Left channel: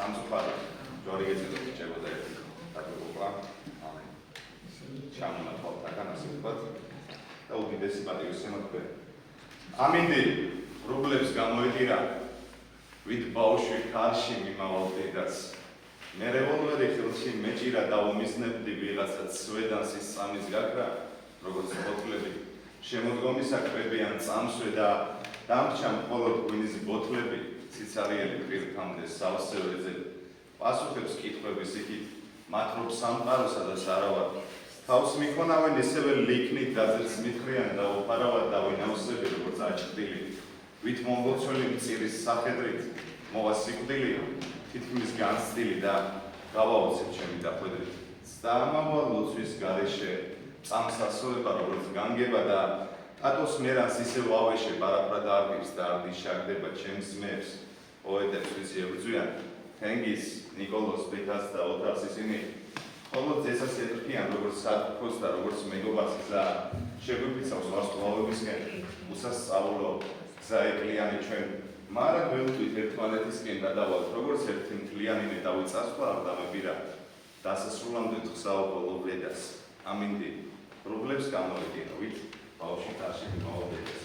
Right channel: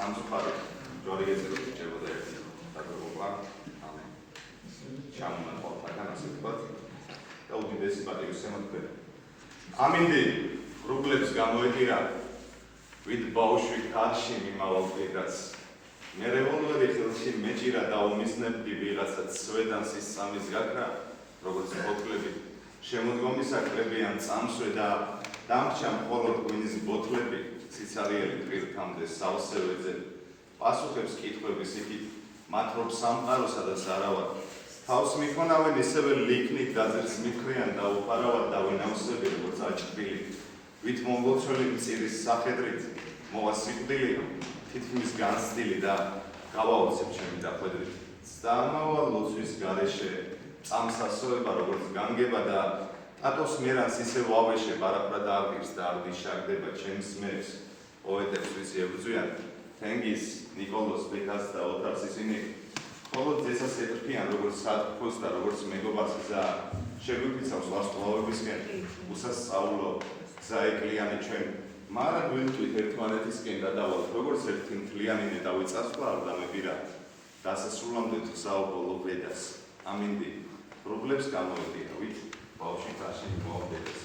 სამწუხაროდ რორიგეზე რჩებოდა ერთი დაგროვა ამე ჩამონახავთაგან ასე ვთქვათ და უდიდესი პატივისცემა. ამინდი რუბლებს გამოიყირა ვით ბავშვი კარში მიმალავდიდაც მე რევოლვერი ხელში მეჭირა და უმიზნებდი ვიღაცად სვედანსის სამის გაქრა როგორც ბოთლები შემოდგომისა კვებიან წამსვე და დამრჩა მხოლოდ ღვინის ბოთლები ციცარიერი პირქამდე სავსევრეზე პასუხებს კითხვების იქით მათ რომ სამყაროსა და სარავად თავს მიქონავენ ისევე ლიქნით გაძერს მითხრიან და უყარავად დავინავსები როგორც აჭრილი ვით მონღოლცული მწირის სახედრით მოვა სიკვდილი თითქმის განცდილი და გავაოცებ ჩემი დახვედრით წამავალ ლოცვის გარეშე წამსასროლება როგორც განგება და ტატოს მერანს ისევ ავეშე პარაპრა დაარგებს და არდიშაგდება ჩემს მებს პოეტებს ვისი ებრძვიან თენგიზ ნიკოლოს ბიქას და ოთარს ისინი ხოლო ძესას ეთრფიან როგორც სათქოს და როგორც მეგობარს გზა შეგვიფიცავს ვარსკვლავებისკენ უსასწავლო გზა ეკლიანი ჩვენ მარა გვემთვით ერთმანეთისკენ გადავალთ როგორც ერთი მთლიანინე დავეწასვლა ადამიანებირა დასასრულამდე თვსაო ბოლო ბედას ამინდი რუბლებს გამოიყინა ვით ბავშვი კარში მოვადებდეს.